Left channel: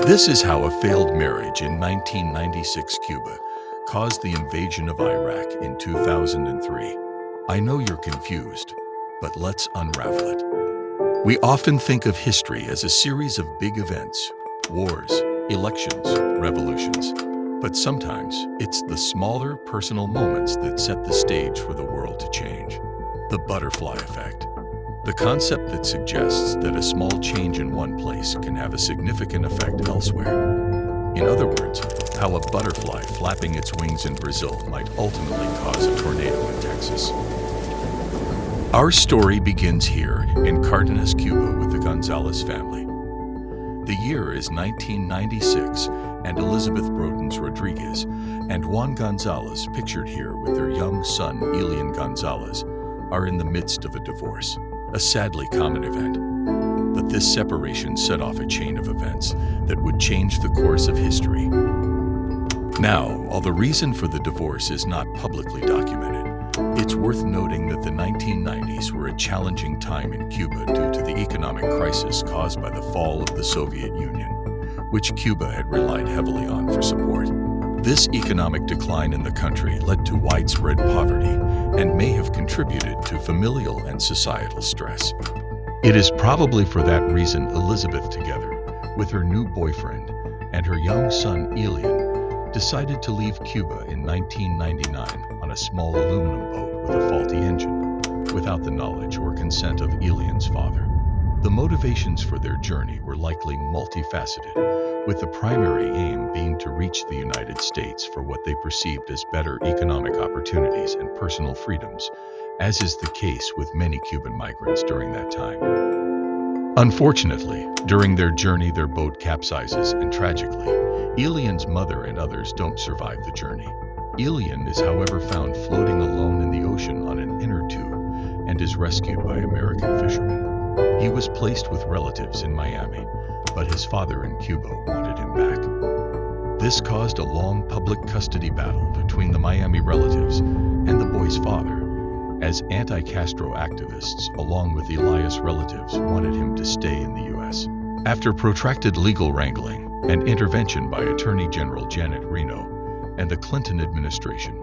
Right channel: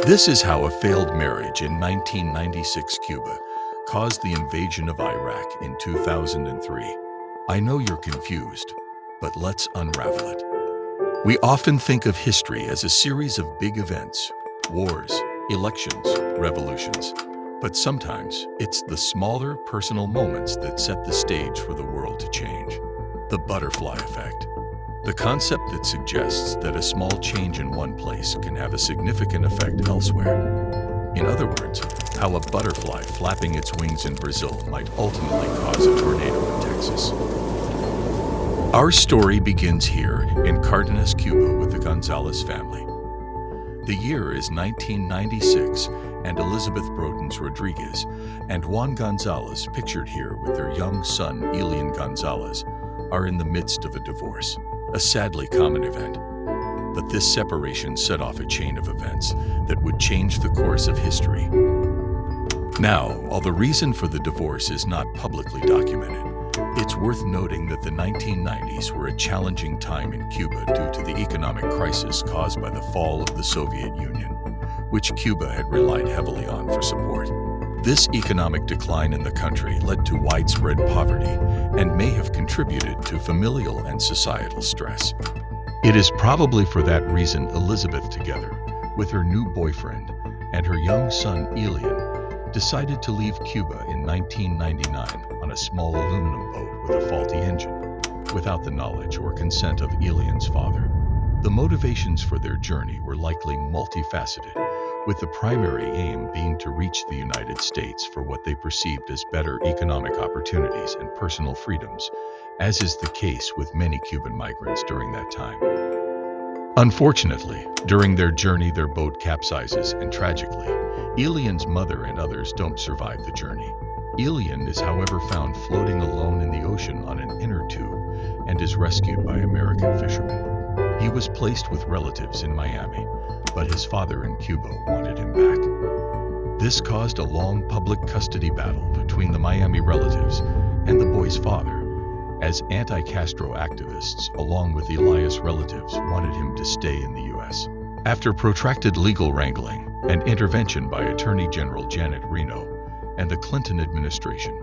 This is how a failed marriage in 1996 Cuba caused the invasion of Iraq in 2003. I know you're confused, but let's unravel it. We often think of history as a series of big events, wars, elections, revolutions. But sometimes it's the smaller personal moments that set the stage for the world to change. The butterfly effect. The concept that suggests that a small change in one place can have a significant effect elsewhere. In other words, how a butterfly flapping its wings in Brazil might ultimately cause a tornado in Texas. Our story begins here in Cardenas, Cuba with the Gonzalez family. The year is 1996, and Elizabeth Brotens Rodriguez and Juan Gonzalez, pictured here with their young son Elian Gonzalez, are in the midst of a divorce, a sadly common event. But this separation set off a chain of events that would change the course of history. Now, while the reason for the divorce is not publicly documented, it's worth noting that the 1990s were a challenging time in Cuba due to the economic crisis caused by the fall of the Soviet Union, which Cuba had relied heavily on for support. This economic decline in the country led to widespread poverty and may have contributed to familial and societal stress. It is probably for that reason Elizabeth, together with her new boyfriend and her young son Elian, decided to leave Cuba in 1999 on a small aluminum boat with a faulty engine, without the knowledge or consent of Elian's father. The motivations for their journey were likely multifaceted, with the primary aim being to reach the United States for what they perceived as better economic opportunities and personal freedoms, as is the case with many Cuban migrants during that time. Unfortunately, during their journey their boat capsizes and tragically, Elian's mother and others don't survive the journey. Elian is however found floating alone in the ocean on an inner tube and is rescued by American fishermen. He was placed with relatives in Miami, but his father in Cuba wanted him back. This caused a long public custody battle between the Miami relatives and the boy's father, as anti-Castro activists, along with Elias' relatives, wanted him to stay in the U.S. After protracted legal wrangling and intervention by Attorney General Janet Reno and the Clinton administration,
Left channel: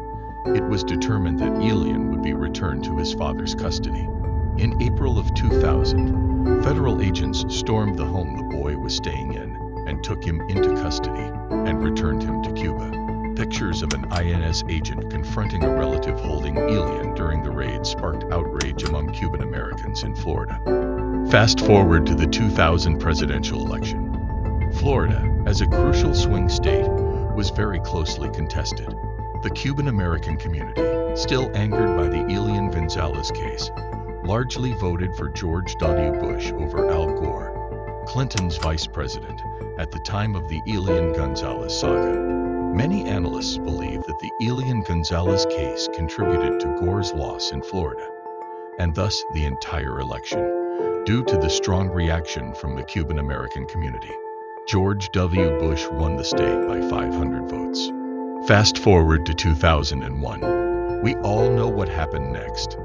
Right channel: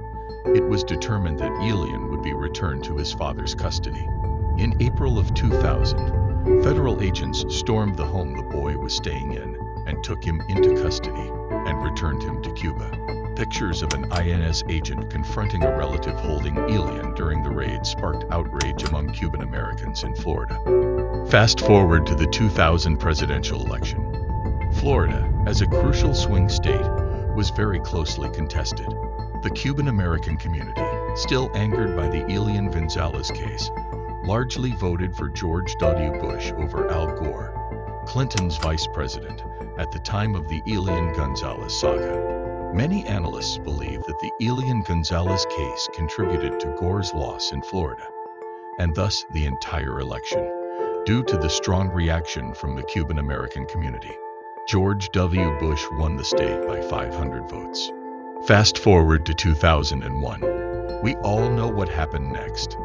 it was determined that Elian would be returned to his father's custody. In April of 2000, federal agents stormed the home the boy was staying in and took him into custody and returned him to Cuba. Pictures of an INS agent confronting a relative holding Elian during the raid sparked outrage among Cuban Americans in Florida. Fast forward to the 2000 presidential election. Florida, as a crucial swing state, was very closely contested. The Cuban American community, still angered by the Elian Gonzalez case, largely voted for George W. Bush over Al Gore, Clinton's vice president, at the time of the Elian Gonzalez saga. Many analysts believe that the Elian Gonzalez case contributed to Gore's loss in Florida, and thus the entire election, due to the strong reaction from the Cuban American community. George W. Bush won the state by 500 votes. Fast forward to 2001. We all know what happened next.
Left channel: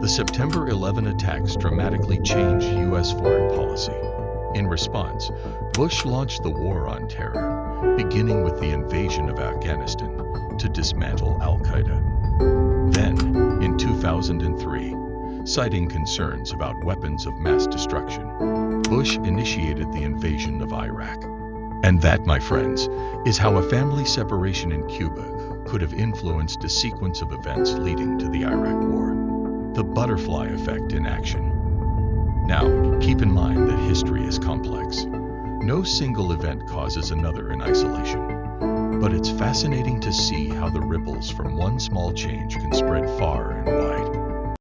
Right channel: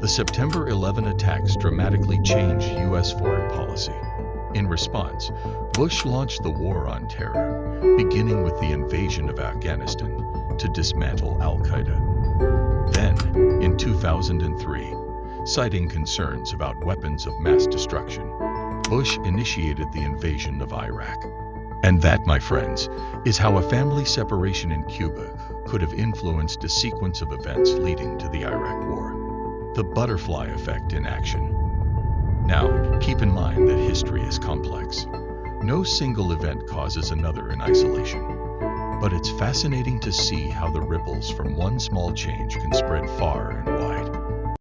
The September 11 attacks dramatically changed U.S. foreign policy. In response, Bush launched the War on Terror, beginning with the invasion of Afghanistan to dismantle al-Qaeda. Then, in 2003, citing concerns about weapons of mass destruction, Bush initiated the invasion of Iraq. And that, my friends, is how a family separation in Cuba could have influenced a sequence of events leading to the Iraq War. The butterfly effect in action. Now, keep in mind that history is complex. No single event causes another in isolation. But it's fascinating to see how the ripples from one small change can spread far and wide.